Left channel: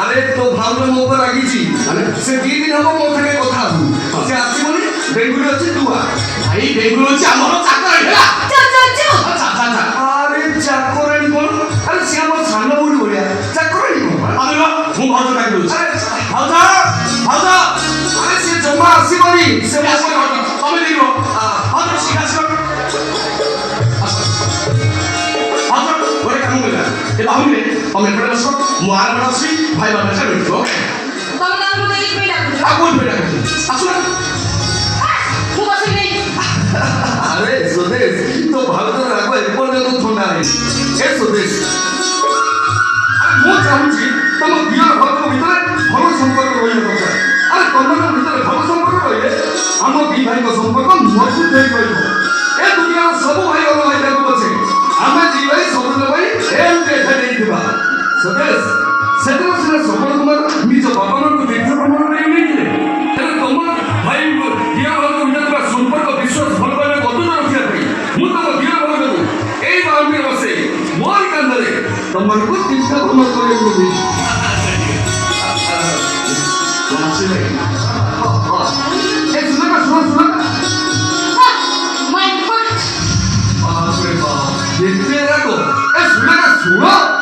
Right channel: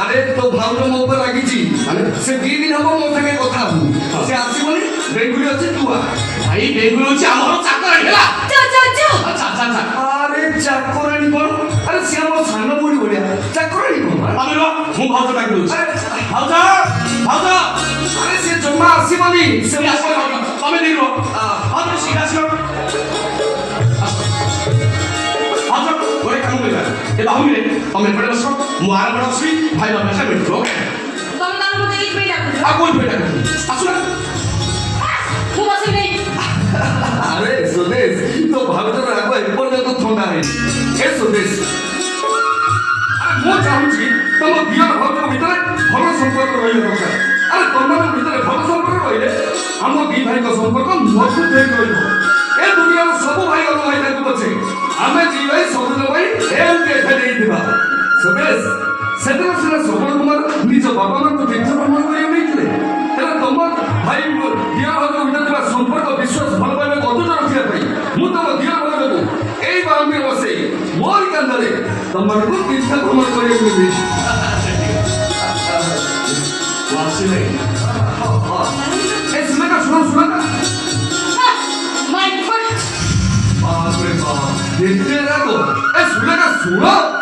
আরে তো ভালো মো উপর রাগিছি সে 2 দিন হব মো থেকে কথা সে আসি বলি বেঙ্গুলি হচ্ছে দুয়া ভাই বেঙ্গুলি হচ্ছে আমার চাকরানি হেলা আচ্ছা আরে চাকরানি কোন আরে সে আমার সামনে বুড়ি বলিয়া চাকরানি কোন আরে মু ভালো ডাকি বলছি ভালো আরে সে জমা আসি বলি সে তুমি লিখো ভালো শিখাছ ভালো বলে কাম কইলা এটা আমি আমি পড়ে বসো মু আর বসি ভাই বাবা সাথে বসো তুমি না বলে লিখবে না আগুন বেটা আসলে মু বসে নেই আরে সুদেশ তো ভালো করে রাখো এরপর যত ঠান্ডা নেই এ সুদেশ মু চাহুছি তম দিয়র ভালো ভিতরে ভালো সম্পর্ক রইলে কথা আরে তোমার ভিতরে ভালো সম্পর্ক রইলে আমার দুই ভাইଙ୍କ সম্পর্ক মজবুত হয়ে রইব এ দুনিয়ার সব ভাই ভালো ভাই দেখো বসে ଆମେ ଯିବେ ସବୁଦିନ ପାଇଁ ଏମିତି ଏଠା ଦେଇଥିବା ସୁଦେଶ ସେଥିରେ ସିନା ସବଳ କୁମାର ନିଜ ବାପାମାନଙ୍କୁ ତୀର୍ଥ ଭ୍ରମଣ କରିବାକୁ ନେଇଥିଲେ ତେବେ ତମ ଭାଇ ଦିଅ ଭାଇଙ୍କ ଭିତରେ ଥିବା ସମ୍ପର୍କ ବିଶ୍ୱାସ ଭଲ ପାଇବା ଅତୁଟ ରଖିବା ପାଇଁ ମୁଁ ତମ ଦିଅ ଭାଇଙ୍କୁ ଏଇ ବାଉଣ୍ଡରୀ ବସେଇ ମୋରି କାନ୍ଧରେ ତମମାନଙ୍କୁ ତୀର୍ଥ ଭ୍ରମଣ କରିବାକୁ ଦେଇଛି ଶୁଣ 얘들아고 수레가 수어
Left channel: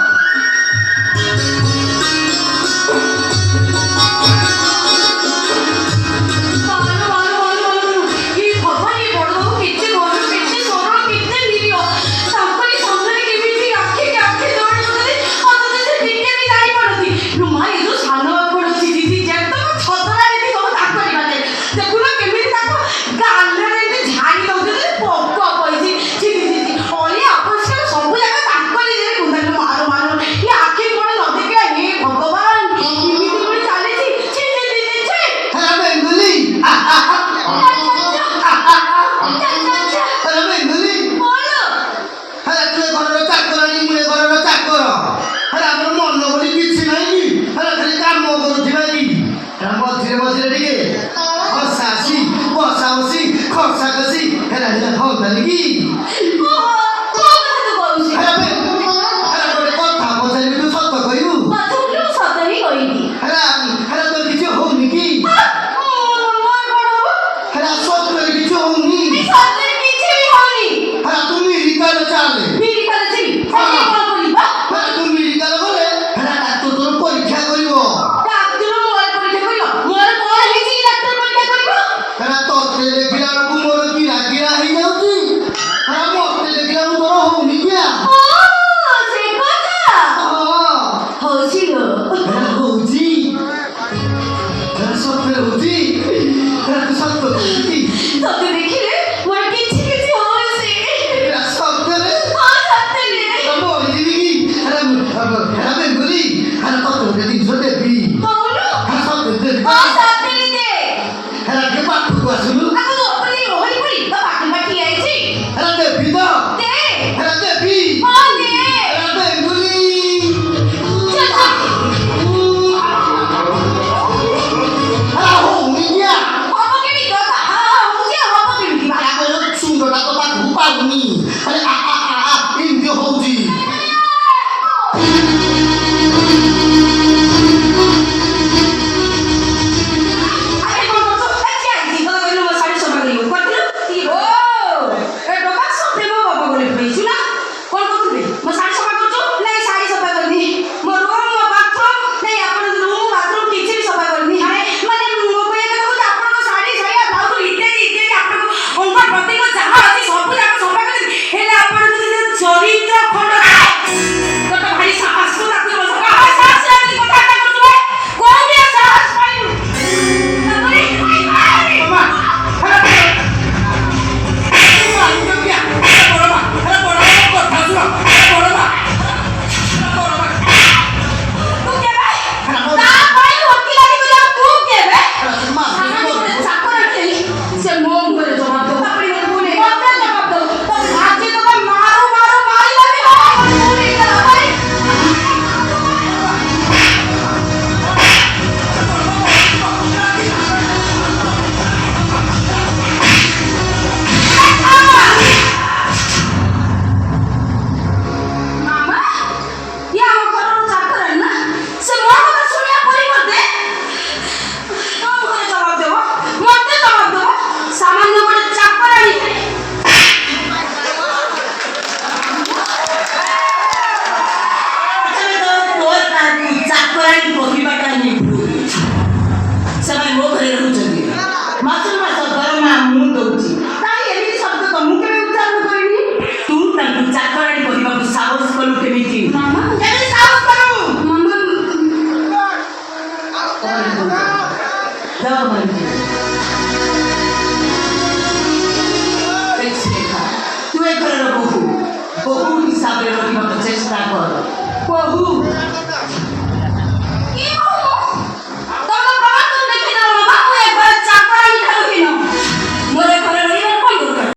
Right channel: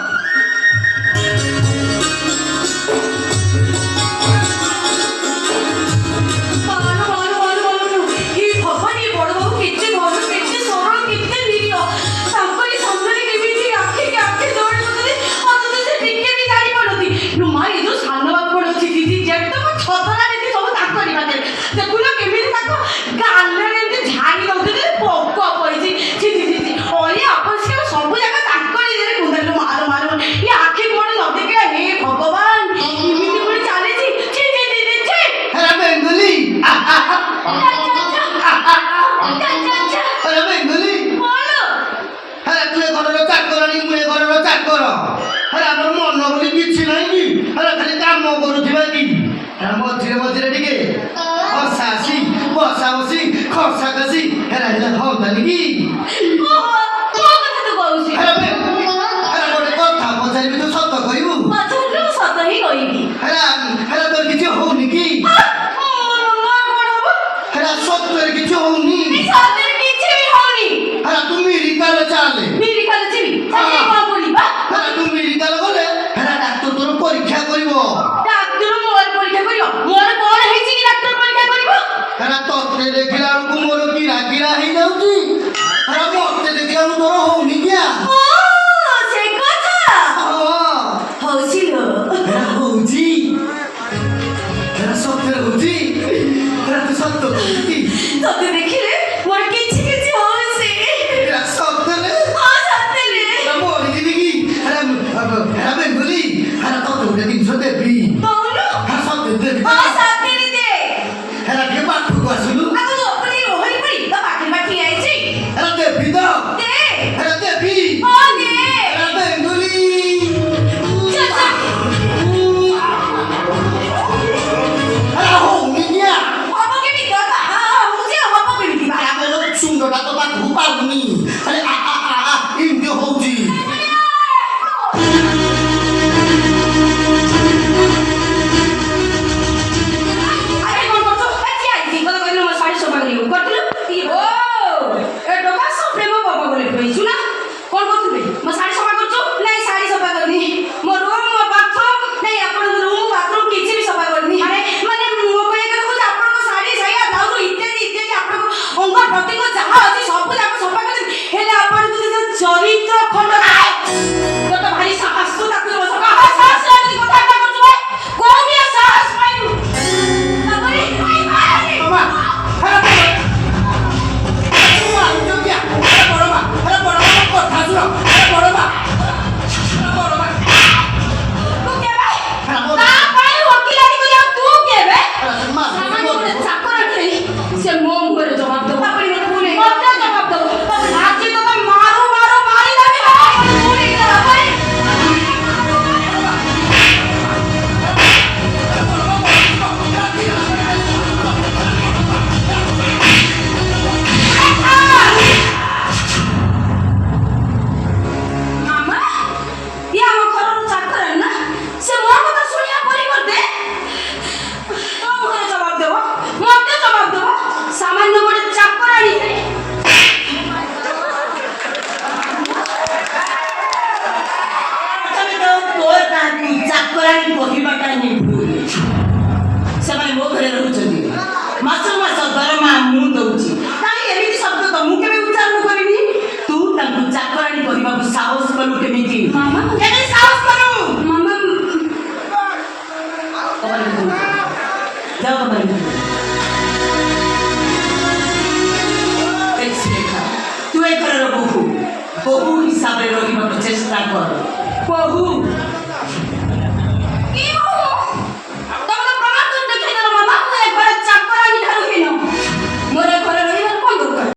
মামা